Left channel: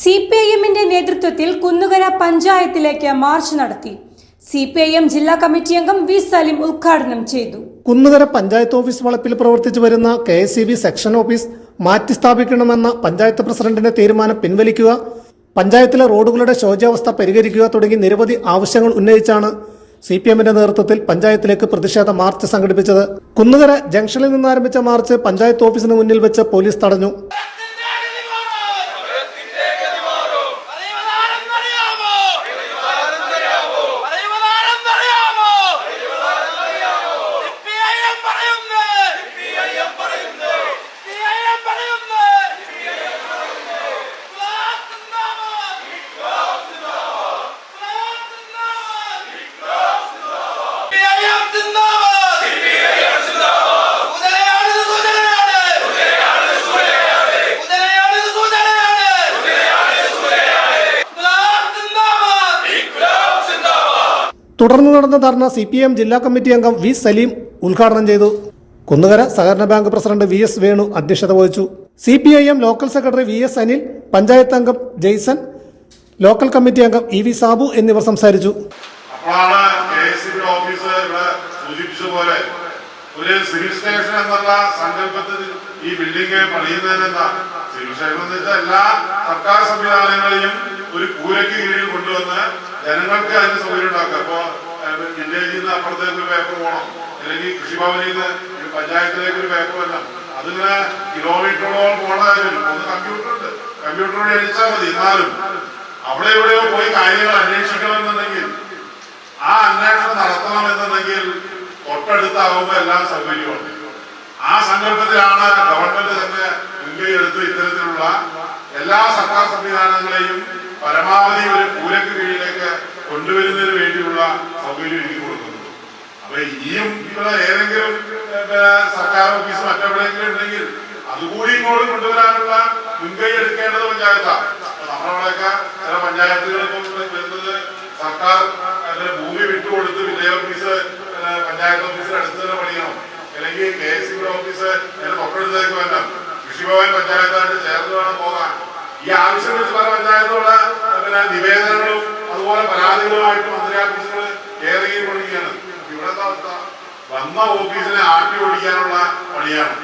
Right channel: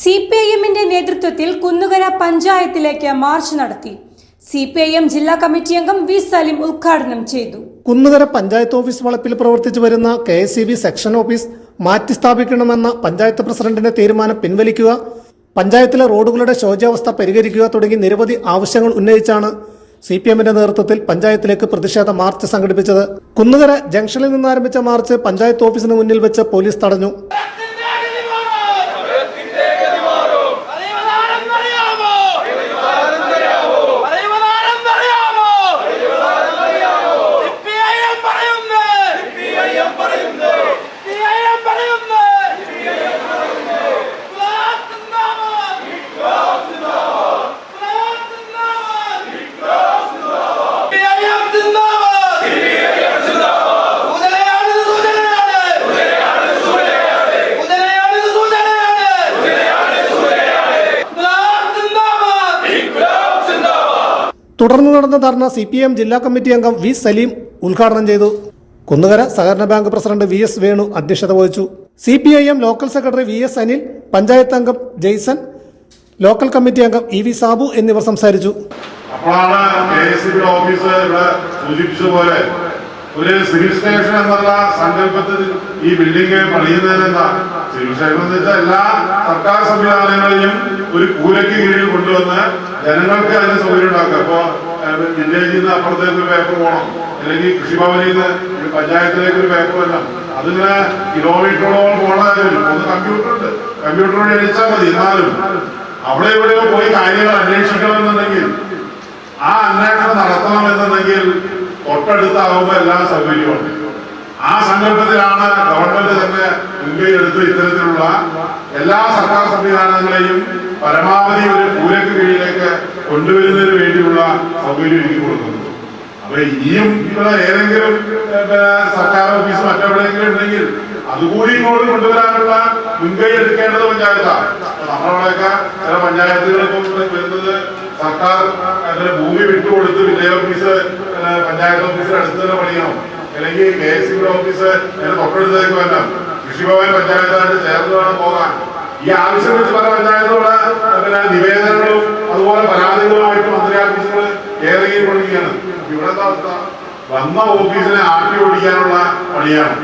സിപിഐഎമ്മിന്റെ നേതൃത്വത്തിൽ കുന്നുകര പഞ്ചായത്തിലേക്ക് മാർച്ച് നടത്തി. സിപിഐഎം ജില്ലാ കമ്മിറ്റി അംഗം വി സലീം ഉദ്ഘാടനം ചെയ്തു. കുന്നുകര പഞ്ചായത്ത് ഓഫീസ് വളപ്പിൽ പ്രവർത്തിച്ചു വരുന്ന KSEB സെക്ഷൻ ഓഫീസ് മാറ്റി സ്ഥാപിക്കണമെന്ന പഞ്ചായത്ത് പ്രസിഡന്റിന്റെ തീരുമാനം പിൻവലിക്കുക, പഞ്ചായത്തിലെ റോഡുകളുടെ ശോച്യാവസ്ഥ പരിഹരിക്കുക തുടങ്ങി നിരവധി ആവശ്യങ്ങൾ ഉന്നയിച്ചാണ് സിപിഎമ്മിന്റെ നേതൃത്വത്തിൽ പഞ്ചായത്തിലേക്ക് പ്രതിഷേധ മാർച്ച് സംഘടിപ്പിച്ചത്. കുന്നുകര ജംഗ്ഷനിൽ നിന്നാരംഭിച്ച മാർച്ച് പഞ്ചായത്ത് ഓഫീസിന് മുന്നിൽ വെച്ച് പോലീസ് തടഞ്ഞു. തുടർന്ന് നടന്ന ധർണ സിപിഎം ജില്ലാ കമ്മിറ്റി അംഗം വി സലീം ഉദ്ഘാടനം ചെയ്തു. കുന്നുകര സഹകരണ ബാങ്ക് പ്രസിഡന്റ് VS വേണു അധ്യക്ഷത വഹിച്ചു. CPIM local secretary VS Anil, panchayat അംഗം ജെയ്സൺ, ലോക്കൽ കമ്മിറ്റി അംഗം EV സാബു എന്നിവർ സംസാരിച്ചു. ഒരു സിവിൽ സ്റ്റേഷൻ എന്നുള്ള സങ്കല്പത്തിൽ ഈ ബിൽഡിംഗ് പണിയുന്നതിനെന്താ? സിവിൽ സ്റ്റേഷൻ എന്ന് വെച്ചാൽ എല്ലാ സർക്കാർ സംവിധാനങ്ങളെയും ഒരു കൂരയ്ക്ക് കീഴിൽ കൊണ്ടുവന്ന് ജനങ്ങൾക്ക് അതിന് സൗകര്യം ഉണ്ടാക്കുക. ഇപ്പോ വില്ലേജിൽ നിന്ന് അപ്പുറത്തേക്ക് ഒരു പേപ്പർ പോകണം, അല്ലെങ്കിൽ കൃഷിഭവനിൽ നിന്ന് പഞ്ചായത്തിലേക്ക് ഒരു പേപ്പർ വരണം, അതിങ്ങനെ കിലോമീറ്ററോളം പോകണമായിരുന്നു. ഒന്ന് കമ്പ്യൂട്ടർ വഴി അടിച്ചാൽ മതി. എന്നാലും അവിടെ എവിടെയോ പോയി കാര്യങ്ങൾ അന്വേഷിക്കണമെന്നുണ്ടെങ്കിൽ ആ അന്വേഷണം നടത്തണമെന്നുണ്ടെങ്കിൽ തൊട്ടടുത്താവുമ്പോൾ എല്ലാ സൗകര്യവും. ആ സങ്കല്പത്തിലാണ് ഗവൺമെന്റ് തന്നെ മുൻകൈ എടുത്ത് ഇത്തരത്തിലുള്ള എല്ലാ സർക്കാർ സംവിധാനങ്ങളെയും പരമാവധി ഒരു കൂരയ്ക്ക് കീഴിലേക്ക് കൊണ്ടുവരുന്നതിന് വേണ്ടിയുള്ള സൗകര്യം ഒരുക്കി കൊടുക്കുന്നത്. അപ്പൊ ഇനിയും ഇവിടെ ഏതെങ്കിലും സർക്കാർ ഓഫീസ് മറ്റെവിടെയെങ്കിലും ഉണ്ടെങ്കിൽ അതുകൂടി ഇങ്ങോട്ട് കൊണ്ടുവരാനുള്ള മുൻകൈ എടുക്കേണ്ടത് പഞ്ചായത്താണ്. നമ്മളവിടെയൊക്കെ ചില പഞ്ചായത്തുകൾക്കും വരുന്നത് സർക്കാർ ഭൂമി വിട്ടുകൊടുത്ത് വില്ലേജ് ഓഫീസ് പഞ്ചായത്ത് ഓഫീസിൽ അടുത്ത് തന്നെ പണിയണം, അല്ലെങ്കിൽ KSEB ഓഫീസ് തൊട്ടടുത്തേക്ക് വരണം, കൃഷിഭവൻ പഞ്ചായത്തായിട്ട് ചേർന്ന് വേണം പോകാൻ. ഈ ആവശ്യം വെച്ച് പല പഞ്ചായത്തോടെ നിവേദനങ്ങളും അതുപോലെ പരാതികളുമായിട്ട് മന്ത്രി ഓഫീസുകൾ ഏതെങ്കിലും പണിയാണ്. ഇവിടുത്തെ അവസ്ഥ വന്ന ഓഫീസിനെ ആട്ടി ഓടിക്കാനുള്ള പണിയാണ്.